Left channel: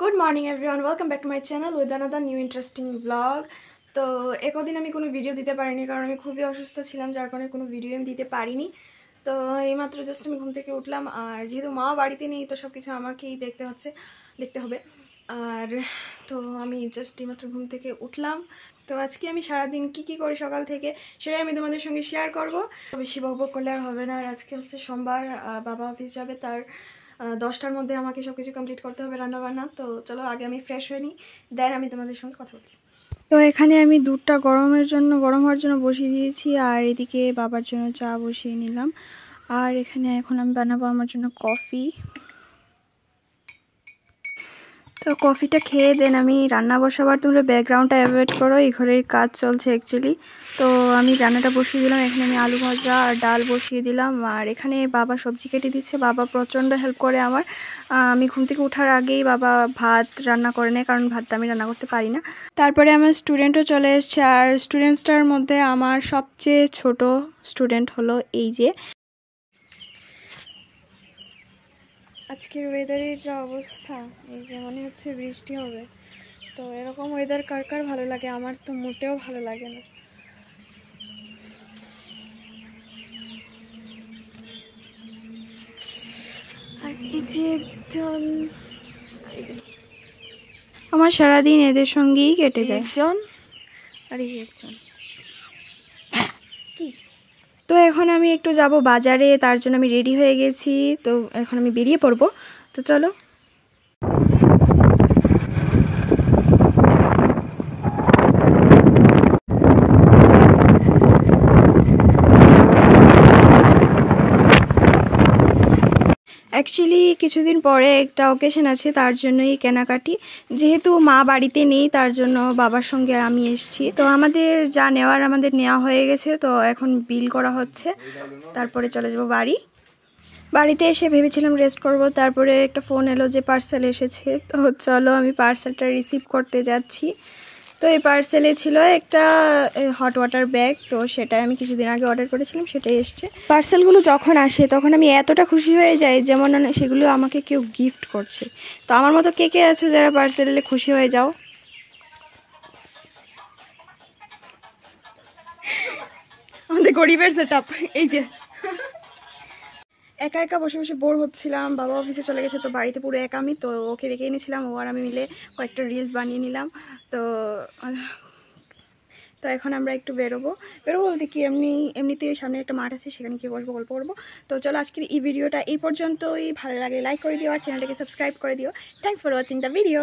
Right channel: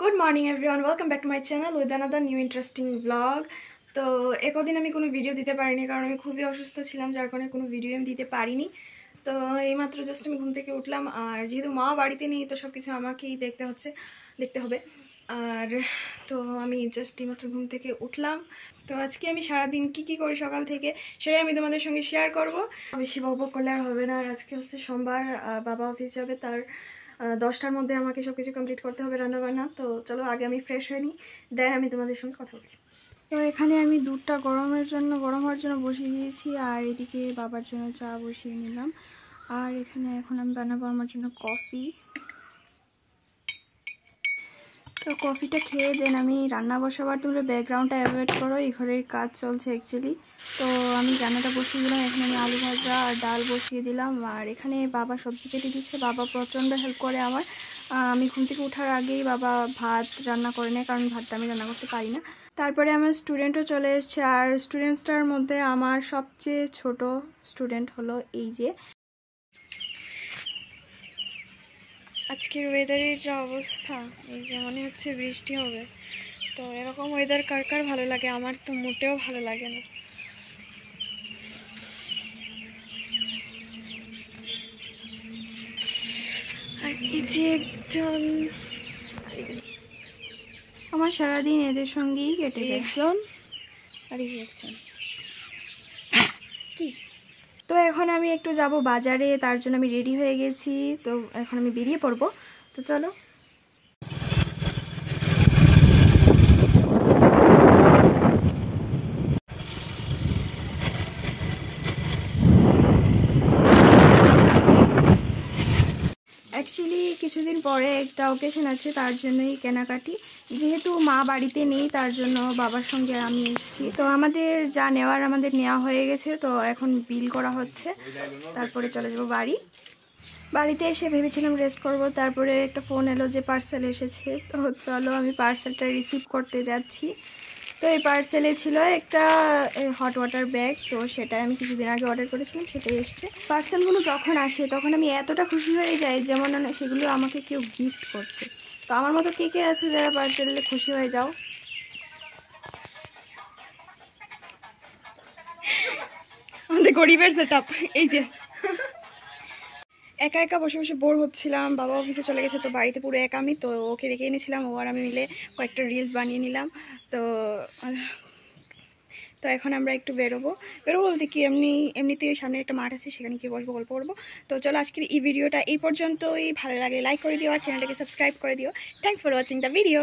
Good morning everyone, welcome back to my channel with another new interesting vlog. তো একদিন আমি কোনো video দিতে পারিনি কারণ আমি খুবই অসুস্থ ছিলাম, যার কারণে কোনো ভিডিও আমি দিতে পারিনি। তো এইমাত্র জাস্ট আমি ঘুম থেকে উঠলাম, আর যেহেতু মা বাড়িতে নেই তো সব কিছু আমাকেই দেখতে হবে। আর তো আমি জাস্ট এইমাত্র ঘুম থেকে উঠলাম। তো আজকে আমি সারাদিন কি করি সকাল থেকে সেটাই আমি তোমাদের সঙ্গে শেয়ার করব। বেশি বকবক করলে আর হবে না। আর আজকে হচ্ছে সোমবার, বাবা অফিস যাবে, তার 10টার মধ্যে আমাকে সব কিছু কমপ্লিট করতে হবে রান্নাবান্না। তো চলো আগে আমি ফ্রেশ হয়ে নিই, দেন আমি তোমাদের সঙ্গে কথা বলছি। তো এখানে আমি দুধটা গরম হওয়ার জন্য বসিয়ে দিয়েছি, আর এদিকে বাবার জন্য চা বসিয়ে নিলাম। আর এখানে এখন আমি বানাবো আমার জন্য কফি। তো কফিটা খেয়ে দেন আমি রান্না বসাবার। তোমরা ব্যাকগ্রাউন্ডটা অ্যাভয়েড করো, এই ঘরের কাজ চলছে অ্যাকচুয়ালি। তো আমি রান্নাটা বসিয়ে দিলাম, এখানে আমি আলু ভাজা আর ডাল বসিয়ে দিলাম। আর এখানে বাবা সবজি কেটে দিচ্ছে, বাবা প্রচণ্ড হেল্প করে আমার। আমি ঘুম থেকে ওঠার আগেই বাবা ভাত রান্না করে নেয়, কারণ ভাতটা আমি রান্না করতে পারি না। তারপরে আমার স্টুডেন্টও চলে এসছে, আর স্টুডেন্টসটার মধ্যে আমার সবচেয়ে ছোট স্টুডেন্ট হলো এই যে। আজকের ওয়েদারের যা অবস্থা, এই যে মনে হচ্ছে বৃষ্টি হবে। তো এরকম ওয়েদার কার কার ভালো লাগে? আমার তো মোটেও ভালো লাগে না। আর এই যে একজন, আমার সারাদিন এদের সঙ্গেই কেটে যায়। একজন আর এই যে একজন কি। তো এখন আমি একটু যাব বাজারে, তার জন্য আমি রেডি হয়ে গেছি। তো এখন আমি বেরিয়ে পড়বো, তো চলো। অ্যাকচুয়ালি কিছুদিন পরে একটা অকেশন আছে, তার জন্যই কেনাকাটি। যেহেতু মা বাড়িতে নেই তার জন্য বাবার সঙ্গে আমি এসেছি। তো আমাদের যা নেওয়ার আমাদের নেওয়া হয়ে গেছে, তো এখন বিল করা হচ্ছে, তারপরে চলে যাব বাড়িতে এসে ভেবেছিলাম রেস্ট করব, তারপরে একটা ফোন এলো যে পার্সেল এসেছে। তো চলো আমি পার্সেলটা রিসিভ করতে যাচ্ছি। তো এই পার্সেলে ছিল একটা হট ওয়াটার ব্যাগ, তো সেটাই আমি কিছুদিন আগে অর্ডার করেছিলাম, সেটাই এসছে। পার্সেলগুলো যখন আসে তখন আমি এতটা খুশি হয়ে যাই যেমন সেগুলো আমাকে কেউ গিফট করছে। তো আমার মতো কে কে আছো যারা পার্সেলে খুশি হয়ে যাও? আমাদের গরিবের সেটআপ এই যে। একা একা বসে বসে বোর হচ্ছিলাম, বাবা অফিসে চলে গেছে, তো বাড়িতে পুরো একা আমি। তো ওকে রেখে এনেছিলাম, ও আর আমি মিলে কয়েকটা রিলস বানিয়ে নিলাম। তো তো এখন আমরা একটু বেরোবো বলতে কি, এমনিতেই সামনে একটা মাঠ আছে, সেখানে গিয়ে বসবো, গল্প করবো। তো চলো আজকের এই ভিডিওটা এই পর্যন্তই। ভালো লাগে লাইক করে দিও, আর চ্যানেলটাকে সাবস্ক্রাইব করে দিও। Thanks for watching the video.